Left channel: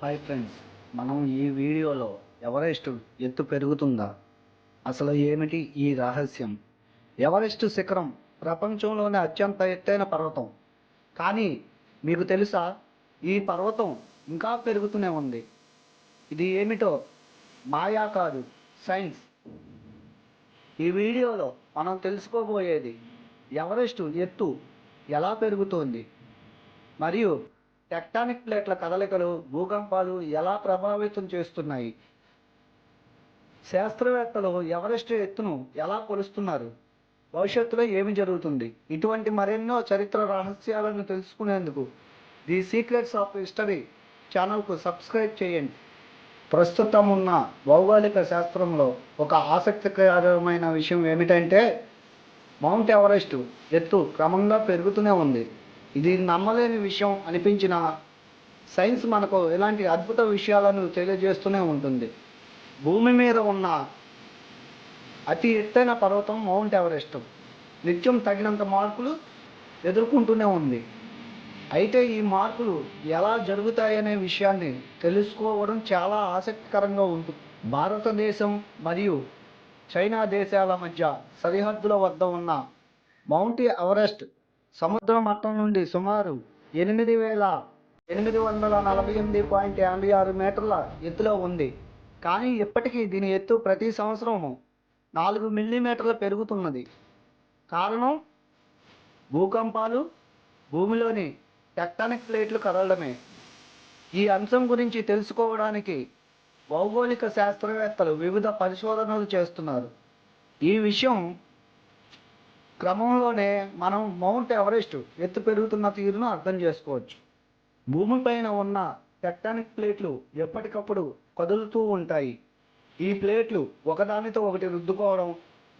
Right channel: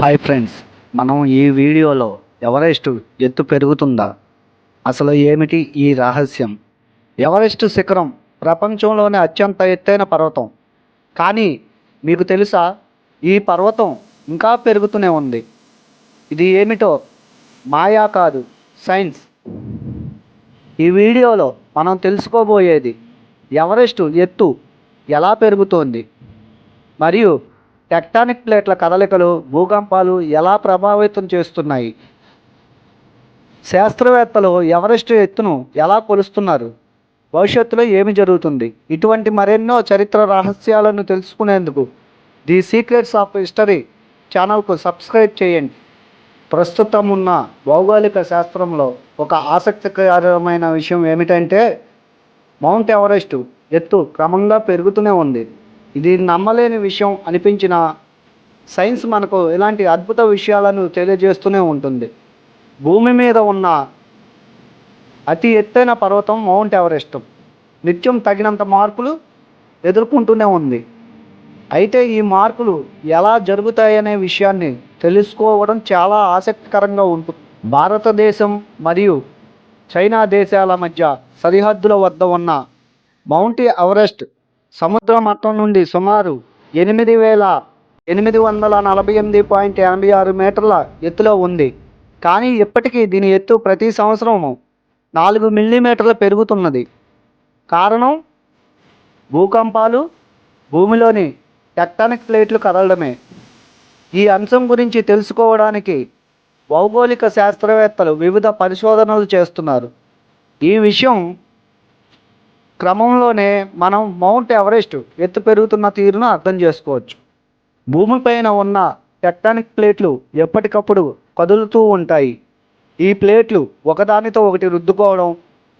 Hi friends మనం ఈ వీడియోలో ఎవరెస్ట్ ఎత్తు పెరుగుతుందా? అసలు ఏమిటి ఈ రహస్యం? ఎవరెస్ట్ శిఖరం ప్రపంచంలోనే అత్యంత ఎత్తైన పర్వతం. కానీ మీకు తెలుసా ఈ పర్వతం ఇంకా పెరుగుతూనే ఉంది. ఇది ఏమిటో? మాయా కాదు సైన్స్. ఈ వీడియోలో మనం తెలుసుకోబోయేది ఎవరెస్ట్ ఎత్తు ఎలా పెరుగుతోంది? మరియు టెక్టానిక్ ప్లేట్ల కదలికలు భూకంపాలు ఎలా ప్రభావితం చేస్తున్నాయి? శాస్త్రవేత్తలు ఎవరెస్ట్ ఎత్తును ఎలా కొలుస్తున్నారు? భవిష్యత్తులో ఏమి జరుగుతుంది? ఇటువంటి మరెన్నో చరిత్ర రహస్యాలను తెలుసుకునేందుకు ది సీక్రెట్స్ ఆఫ్ హిస్టరీ ఛానల్కు సబ్స్క్రైబ్ చేయండి. ప్రస్తుతం ఉన్న భౌగోళిక శాస్త్రంలో ఒక ఆసక్తికరమైన విషయం ఏమిటంటే మౌంట్ ఎవరెస్ట్ ఎత్తు క్రమంగా పెరుగుతూనే ఉంది. ఇది నమ్మలేని విషయం అనిపించిన సైన్స్ మనకు ఇలాంటి అద్భుత విషయాలను తెలియజేస్తూనే ఉంటుంది. భూమి మీద ఉన్న అతి ఎత్తైన పర్వతం మౌంట్ ఎవరెస్ట్. నిత్యం తగినంత మార్పులు ఎదుర్కొంటూనే ఉంది. అయితే ఈ మార్పులు ఎలా జరుగుతాయనే విషయాన్ని తెలుసుకోవడం చాలా ఆసక్తికరంగా ఉంటుంది భారతదేశం మరియు చైనా దేశాల మధ్య సరిహద్దుల వద్ద ఉన్న మౌంట్ ఎవరెస్ట్ సముద్ర మట్టం నుండి సుమారు ఎనిమిది వేల ఎనిమిది వందల నలభై ఎనిమిది పాయింట్ ఎనభై ఆరు మీటర్ల ఎత్తులో ఉంది. కానీ ఇప్పటికీ దీని ఎత్తు ప్రతి సంవత్సరం నాలుగు మిల్లీమీటర్లు పెరుగుతున్నది. కారణం? భూకంపాలు భూమిలోని టెక్టానిక్ ప్లేట్లు కదలడమే. ఈ అంశం గురించి తెలుసుకోవడానికి భౌగోళిక శాస్త్రవేత్తలు వివిధ పరిశోధనలు చేస్తున్నారు. ఈ విషయం క్రమంలోనే మనం మౌంట్ ఎవరెస్ట్ ఎత్తు పెరుగుతున్న తీరును అర్థం చేసుకోవచ్చు. భూమిపైన ఉన్న టెక్టానిక్ ప్లేట్లు ఎప్పటికప్పుడు కదులుతూ ఉంటాయి. ఈ ప్లేట్లు ఒకదానితో ఒకటి రుద్దుకోవడం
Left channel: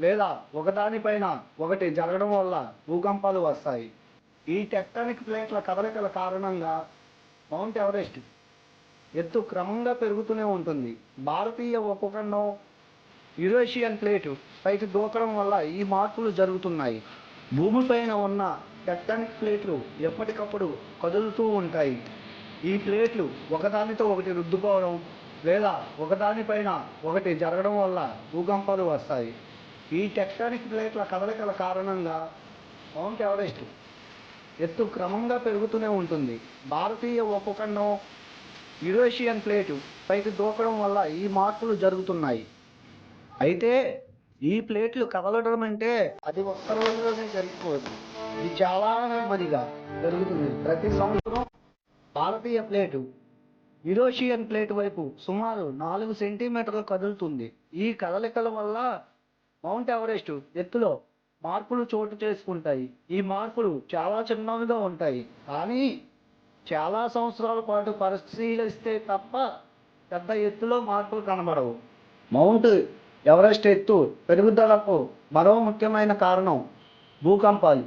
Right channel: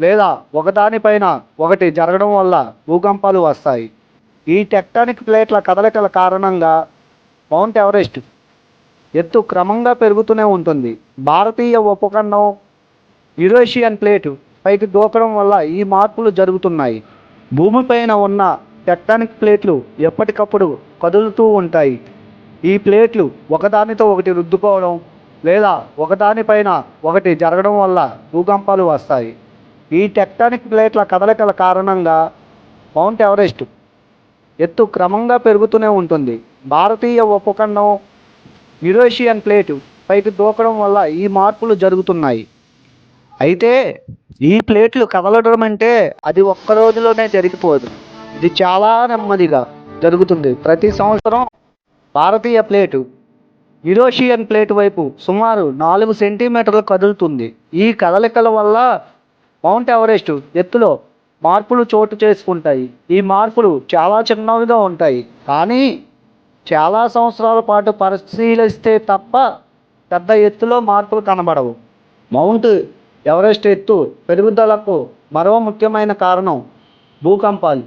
లేదా ఒకదానిపైన ఒకటి జరగడం వల్ల భూకంపాలు వస్తాయి. ఈ టెక్టానిక్ ప్లేట్ల కదలికల కారణంగా మౌంట్ ఎవరెస్ట్ ఎత్తు క్రమంగా పెరుగుతూనే ఉంటుంది. భారతీయ ఉపఖండం యురేషియన్ ప్లేటు పైకి దూకడం వల్ల ఈ మార్పులు జరుగుతున్నాయి. భూమిపైన ఉన్న టెక్టానిక్ ప్లేట్లు ఎప్పటికప్పుడు కదులుతూ ఉంటాయి. ఈ ప్లేట్లు ఒకదానితో ఒకటి రుద్దుకోవడం లేదా ఒకదానిపైన ఒకటి జరగడం వల్ల భూకంపాలు వస్తాయి. ఈ టెక్టానిక్ ప్లేట్ల కదలికల కారణంగా మౌంట్ ఎవరెస్ట్ ఎత్తు క్రమంగా పెరుగుతూనే ఉంటుంది. భారతీయ ఉపఖండం యురేషియన్ ప్లేటు పైకి దూకడం వల్ల ఈ మార్పులు జరుగుతున్నాయి. అయితే ఈ ప్లేట్లు కదలడం అంటే అది ఒక్క రోజులోనే జరిగిపోదు. ఇది చాలా నెమ్మదిగా జరుగుతుంది. ప్రతి సంవత్సరం భారతీయ ప్లేటు యురోషియన్ ప్లేట్ వైపు సుమారు నాలుగు సెంటీమీటర్లు కదులుతుంది. ఈ కదలికల వల్ల మౌంట్ ఎవరెస్ట్ ఎత్తులో మార్పులు చోటు చేసుకుంటాయి. ఈ మార్పులు చాలా చిన్నవిగా ఉంటాయి. కానీ చాలా సంవత్సరాల పాటు పరిశీలిస్తే తప్ప పెద్ద ఎత్తులో మార్పులు కనబడవు. మౌంట్ ఎవరెస్ట్ ఎత్తు పెరుగుదలకు మరో ముఖ్యమైన కారణం భూకంపాలు.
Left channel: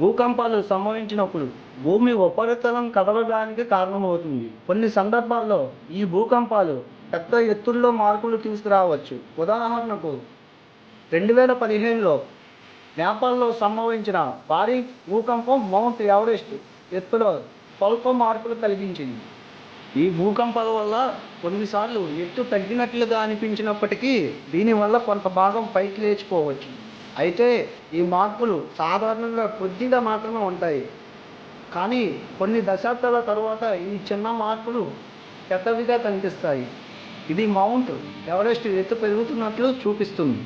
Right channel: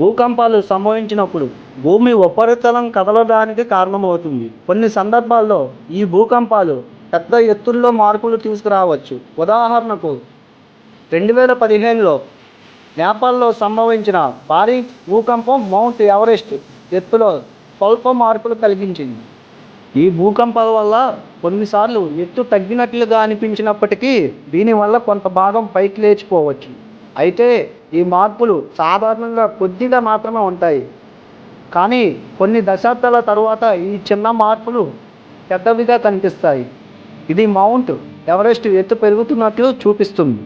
భూకంపాలు సంభవించినప్పుడు భూమి ఉపరితలం కదలడానికి కారణమవుతుంది. కొన్ని సందర్భాల్లో ఈ భూకంపాలు పెద్ద ఎత్తుల్లో మార్పులు తీసుకురావచ్చు. ఉదాహరణకు రెండు వేల పదిహేనులో నేపాల్లో సంభవించిన భారీ భూకంపం మౌంట్ ఎవరెస్ట్ ఎత్తులో స్వల్ప మార్పులు కలిగించింది. ఈ భూకంపాల వల్ల కొన్నిసార్లు ఎత్తు తగ్గినట్లుగా అనిపించినప్పటికీ దీనివల్ల కొంత భాగం పైకి లేచిపోవచ్చు. అయితే ఈ మార్పులు సాధారణంగా కొద్దిగా మాత్రమే ఉంటాయి. కానీ కొన్ని దశాబ్దాల తరువాత ఈ చిన్న మార్పులు పెద్దవిగా కనిపిస్తాయి. ఇది మౌంట్ ఎవరెస్ట్ ఎత్తు పెరుగుతున్నట్లు చూపిస్తుంది.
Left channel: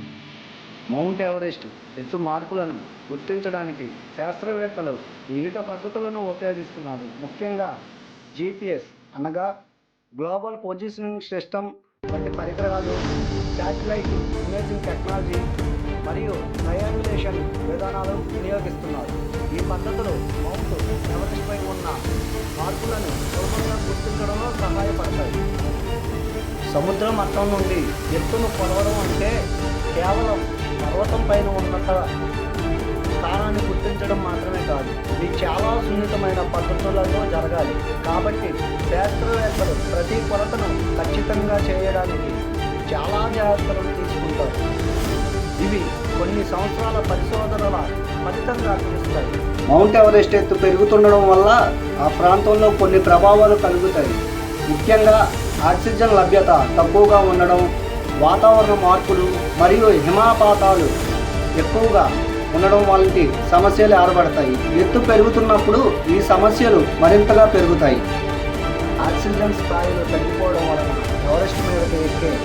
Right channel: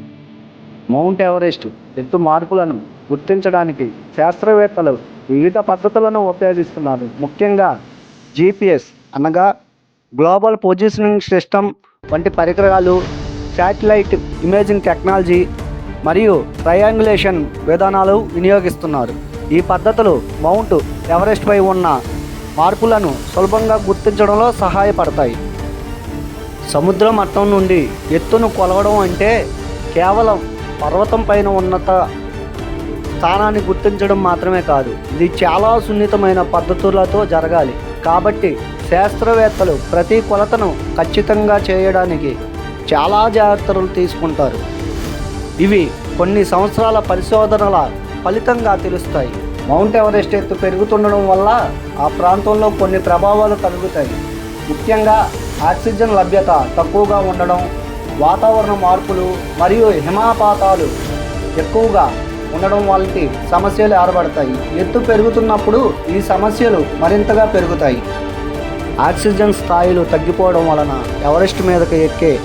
మౌంట్ ఎవరెస్ట్ ఎత్తు మార్పులను గుర్తించడానికి శాస్త్రవేత్తలు వివిధ పద్ధతులను ఉపయోగిస్తున్నారు. ముఖ్యంగా జీపీఎస్ అనగా గ్లోబల్ పొజిషనింగ్ సిస్టమ్ వంటి పరికరాలు శాటిలైట్ ఇమేజింగ్ టెక్నాలజీ మరియు ట్రయాంగులేషన్ విధానాలు వినియోగిస్తున్నారు. ఈ పద్ధతులు మౌంట్ ఎవరెస్ట్పై ఉన్న మార్పులను సులభంగా గుర్తించడంలో సహాయపడతాయి. సముద్ర మట్టం నుండి ఎత్తును కొలవడం అంటే కేవలం పర్వతం పైన ఉన్నత స్థానాన్ని గుర్తించడం మాత్రమే కాదు ఇది చాలా సున్నితమైన పద్ధతులతో జరగాలి. కాబట్టి శాస్త్రవేత్తలు ప్రతి కొలతను ఖచ్చితంగా చేయడానికి చాలా జాగ్రత్తలు తీసుకుంటారు. ఇవి కొన్ని సంవత్సరాల పరిశోధనల ఫలితంగా తెలుస్తాయి. మౌంట్ ఎవరెస్ట్ ఎత్తు పెరుగుతుండడం వల్ల ఆ ప్రాంతంలో కొన్ని ప్రభావాలు కలుగుతాయి. ముఖ్యంగా ఆక్సిజన్ లభ్యత తక్కువగా ఉండడం వాతావరణ మార్పులు మరియు హిమపాతాలు ఎక్కువగా ఉండడం వంటి సమస్యలు ఏర్పడతాయి. ఎత్తు పెరుగుతున్నప్పుడు ఈ సమస్యలు మరింతగా పెరుగుతాయి. ఆక్సిజన్ స్థాయిలు తగ్గిపోవడం వలన ఎవరెస్ట్ మీదకి ఎక్కే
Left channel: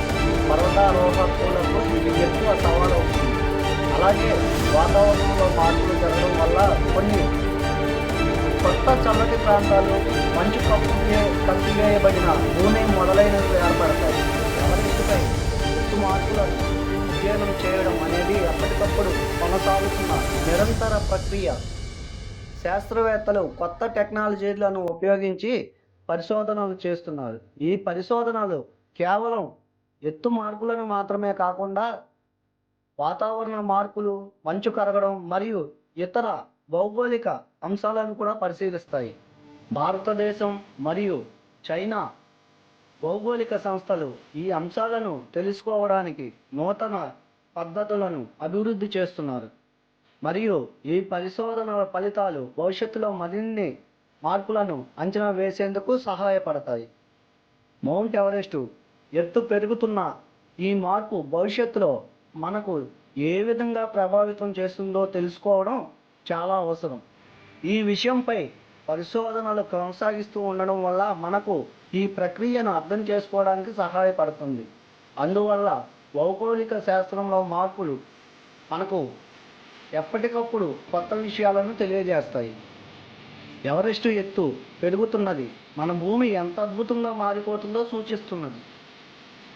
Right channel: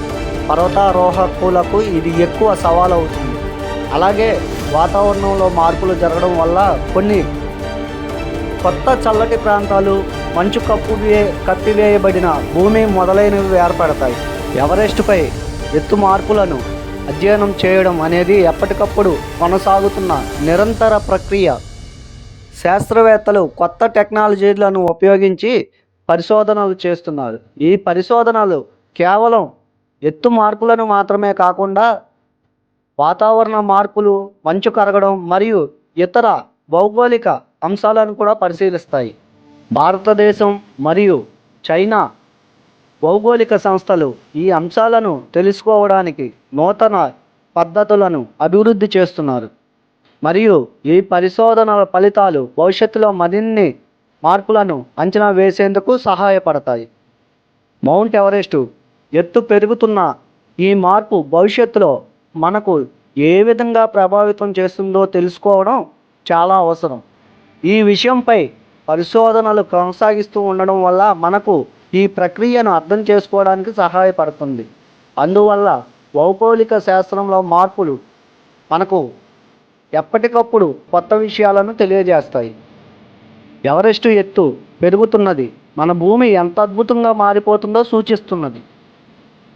పర్వతారోహకులకు ఇది ఎక్కువ సవాల్ అవుతుంది అలాగే వాతావరణంలో మార్పులు జరగడం వల్ల కొన్ని కొత్త చల్లటి ప్రాంతాలు మంచు కప్పు కప్పివేయబడిన భూమి మొదలైనవి ఏర్పడతాయి. ఎవరెస్ట్పై ఎత్తు మార్పులను అధ్యయనం చేయడం అనేది ఎప్పటికప్పుడు కొనసాగుతున్న నిరంతర ప్రక్రియ. శాస్త్రవేత్తలు కొత్త టెక్నాలజీలను ఉపయోగించి పరిశోధనలు చేస్తున్నారు. ఈ పరిశోధనలు కేవలం ఎత్తు మార్పులను మాత్రమే కాకుండా వాతావరణ మార్పులు మంచు కరగడం మరియు ఇతర భౌగోళిక అంశాలను కూడా పరిశీలిస్తాయి. భారతదేశం మరియు చైనా భౌగోళిక సంస్థలు ఈ అంశాలను తెలుసుకోవడానికి నూతన పద్ధతులను అభివృద్ధి చేస్తున్నారు. మరియు ఈ పరిశోధనల ఫలితాలు భవిష్యత్తులో మరిన్ని మార్పులను అంచనా వేసేందుకు సహాయపడతాయి. మౌంట్ ఎవరెస్టు ఎత్తు పెరుగుతున్న ఈ మార్పు భవిష్యత్తులో మనకు ఏ విధంగా ప్రభావితం చేస్తుందో తెలుసుకోవడం చాలా అవసరం. ఈ విషయంపై పరిశోధనలు కొనసాగిస్తూ ఉండడం వల్ల మనకు ఈ ప్రక్రియను అర్థం చేసుకోవడానికి సహాయపడుతుంది. అందువల్ల భౌగోళిక శాస్త్రంలో మార్పులు మనకు ఎప్పటికప్పుడు కొత్త విషయాలను తెలియజేస్తాయి. ఎవరెస్టు ఎత్తు పెరుగుతున్నది మన భూమి ఎంత అద్భుతంగా మారిపోతుందో సూచిస్తున్నది.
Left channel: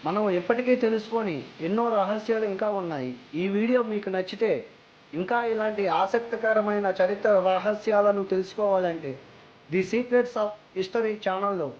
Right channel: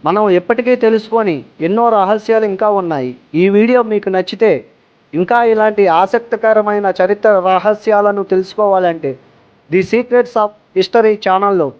మనం ఎప్పటికీ తెలుసుకొని ఎన్నో రహస్యాలు ఇంకా ఉన్నాయి. ఈ వీడియో మీకు నచ్చితే ఇంకా ఇలాంటి ఆసక్తికరమైన చరిత్ర రహస్యాలను తెలుసుకోవాలంటే ది సీక్రెట్స్ ఆఫ్ హిస్టరీ ఛానల్లో